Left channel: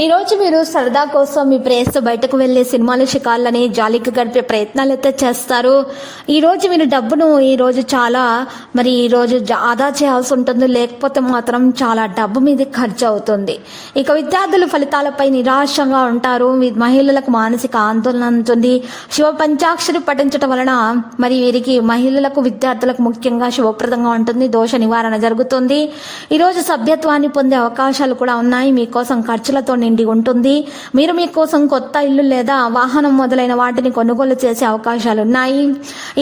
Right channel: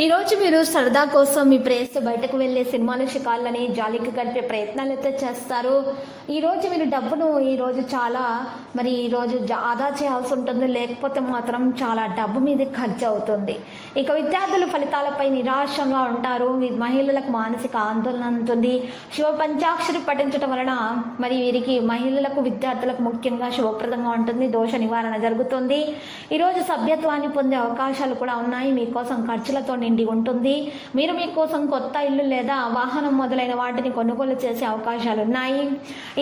ఈ రోజు మీరు సరదా కోసం మీ ప్రేయస్తో బయటకు వెళ్ళే సినిమాలు షికాళ్ళని జాలికి గడిపే ప్రయత్నాలు అయితే చేస్తారు. ఈ రోజు మీరు డబ్బును ఈ రోజు చాలా మరి ఈ రోజు జా- ఆదా చేయాల్సి ఉంటుంది. లేకపోతే మాత్రం చాలా డబ్బు మీద ఖర్చు అవుతుంది. ఇక విద్యార్థులు ఫలితాలపై నిరాశంగా ఉంటారు. మహిళలకు మానసిక ఆందోళన ఉంటుంది శివ పంచాక్షరి పఠించడం వలన మరి వీరికి మహిళలకు విద్యార్థులకు ముఖ్యంగా శుభప్రదంగా ఉంటుంది. దోష నివారణ జరుగుతుంది. ఈరోజు సభ్యత్వాన్ని పొందే అవకాశాలు కూడా ఉన్నాయి. మీకోసం ఖర్చులతో నిండి ఉంటుంది. మీరు మీకోసం కొత్త ఇల్లు లేదా వాహనం మొదలైన వాటిని కొనుగోలు చేసే అవకాశాలు ఉన్నాయి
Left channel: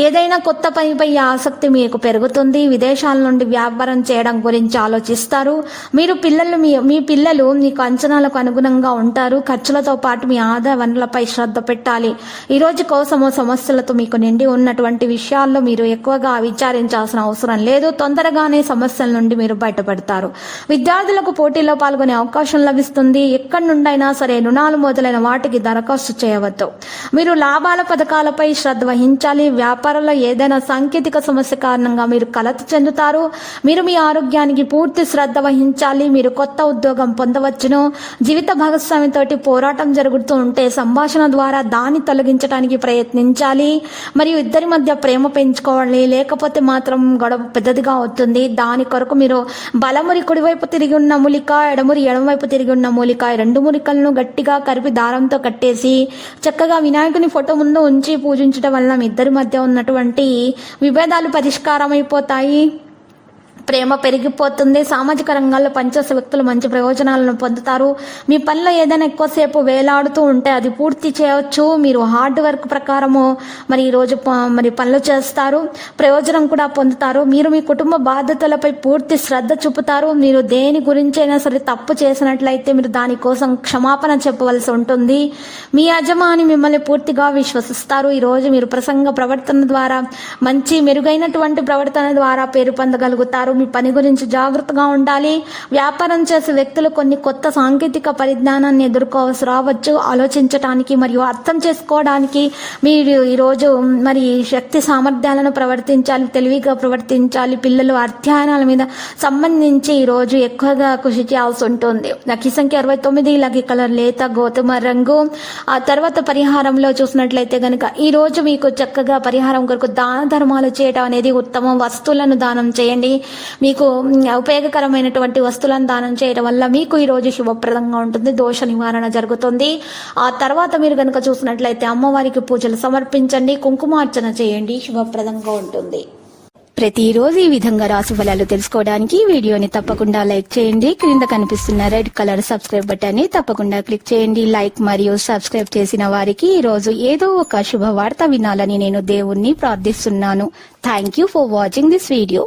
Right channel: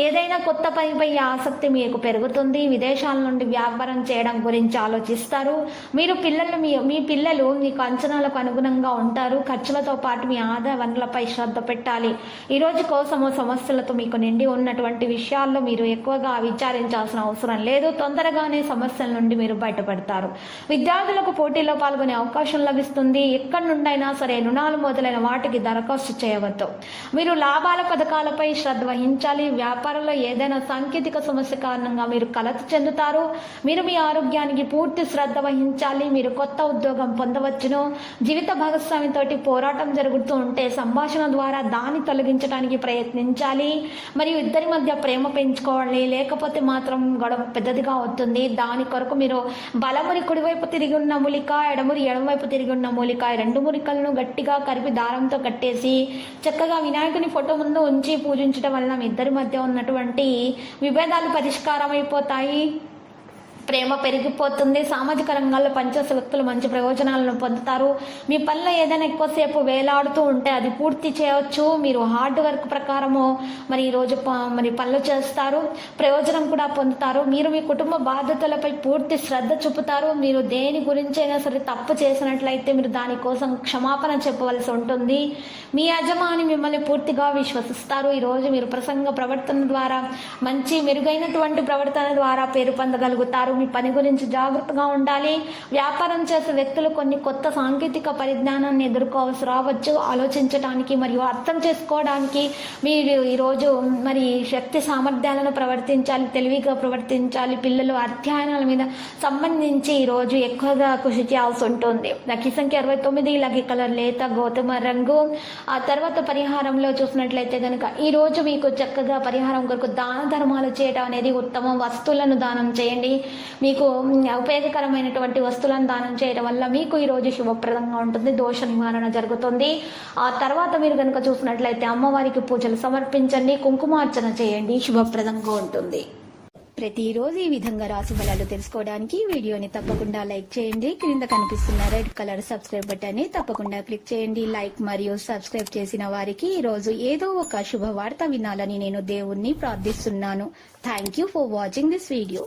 ఏదైనా కొత్త పనిపై ఆసక్తి మీకు పెరుగుతుంది. విదేశాల నుండి వ్యాపారం చేయడం గురించి ఆలోచిస్తారు. మీరు పిల్లలు మీ మీ పిల్లలు మీకు అంచనాలకు అనుగుణంగా ఉంటారు. ఖర్చులతో పాటు మీ ఆదాయ వనరులపై శ్రద్ధ పెట్టాలి. ఈ రోజు కోసము సమస్యలతో మీకు నిండి ఉన్నటువంటి విషయాల్లో మీరు ఎక్కువగా విచారించాల్సిన అవసరం లేదు. తొందరగానే సమస్యల నుండి మీరు బయటపడతారు. విద్యార్థులకు పోటీలో పాల్గొనే అవకాశం లభిస్తుంది. ఎక్కడి నుండైనా సరే రుణాలు మొదలైన వాటికి దరఖాస్తు చేయవద్దు. మీరు లాభాల పథకాలపై శ్రద్ధ వహించాలి. వ్యాపారంలో ఏదైనా సాంకేతిక సమస్య కారణంగా మీరు కలత చెందుతారు. మీరు మీ ఆరోగ్యానికి పూర్తి శ్రద్ధ వహించాలి. మీరు కొత్త ఉద్యోగం పొందవచ్చును. జీవిత భాగస్వామితోటి పోరాటం జరుగుతూ ఉంటే సంభాషణ ద్వారా దాన్ని తొలగించడానికి ప్రయత్నించాలి. మరియు ఇద్దరి మధ్య ప్రేమ పెంచుకోవాలి. లేకపోతే మాత్రం గొడవ పెద్దదిగా అవుతుంది. దాని కొరకు మీరు బలమురి కుడివైపు తిరిగి ఉన్న మూలిక ఎడమురి ఎడమవైపు తిరిగి ఉన్న మూలిక రెండు మురికలను గట్టిగా కరిపి దారంతో కట్టేసి చక్కగా వినాయకుని ఫోటో ముందు ఉంచి పూజించడం వల్ల ఇద్దరి మధ్య ఉన్నటువంటి విభేదాలు పరిష్కారం అయిపోతాయి ప్రేమ పెరిగిపోతుంది. సామాజిక రంగాల్లో పనిచేసే వ్యక్తులు మంచి ప్రయోజనాలను పొందుతారు. మీ పనిలో ఏదైనా ఎక్కువసేపు వేలాడుతూ ఉంటే అది పూర్తి చేయవచ్చు మీరు హార్డ్ వర్క్ ప్రకారము మరి ఈరోజు ప- మరి పనులు చేస్తారు. ప్రయోజనం కూడా పొందుతారు. మీరు మీ కుటుంబ బాధ్యతలపై పూర్తి శ్రద్ధ చూపుతారు. మీరు దేని గురించైనా సరే తప్పు చేసినట్లయితే మీరు దానికోసం క్షమాపణ చెప్పవలసి ఉంటుంది. మీ యజమాని మిమ్మల్ని పూర్తిగా విశ్వసిస్తారు. ఈరోజు మీరు ప్రసంగ ప్రవర్తన ద్వారా మంచి మెరుగైనటువంటి ప్రవర్తన ద్వారా పేరు పొందగలుగుతారు. మీ పని గురించి జాగ్రత్తగా ఉండాలి. వ్యాపారం చేసే వ్యక్తులు కొన్ని కొత్త సాంకేతిక పరిజ్ఞానాన్ని ఎదుర్కోవాల్సి రావచ్చు. ఆలోచించడానికి మరియు అర్థం చేసుకోవడానికి మీరు ఈరోజు మరి శక్తి సామర్థ్యాలను ప్రవర్తించాలి తెలివిగా ప్రవర్తించాలి. పిల్లలు అధ్యయనాల మీద సంబంధించి ఈరోజు ఎక్కువగా కృషి చేయాల్సి ఉంటుంది. లక్కీ సంఖ్య అరవై తొమ్మిది లక్కీ కలర్ లేత గోధుమ రంగు. ఆ తర్వాత పరిహారంలో చూసినట్లయితే కనుక ఈరోజు మీకు చక్కగా పరిహారం కొరకు దాన ధర్మాలు చేయడం అనేది ఉత్తమం. వస్తువులను దానం చేయండి. మీకు ఉపయోగకరమైనటువంటి వస్తువులను దానం చేయడం వల్ల మీకు ఈ రోజు శుభప్రదంగా ఉంటుంది దోష నివారణ జరుగుతుంది. ఆ తర్వాత మీరు కనుక చూసినట్లయితే అమ్మవారికి పూజలు సమర్పించండి కుంకుమార్చన చేయండి శుభప్రదంగా ఉంటుంది. ప్రతిరోజు ఈ విధంగా రాశి ఫలాలు తెలుసుకోవడానికి వీడియోని తప్పకుండా లైక్ చేయండి. క్రింద కనిపిస్తున్న రెడ్ కలర్ సబ్స్క్రైబ్ బటన్ని తప్పకుండా క్లిక్ చేయండి. లైక్ మరియు సబ్స్క్రైబ్ చేసిన వారికి ఈ రోజు ఏదో ఒక శుభవార్త వినాలని నేను దేవుణ్ణి ప్రార్థిస్తున్నాను. Thank you for watching this video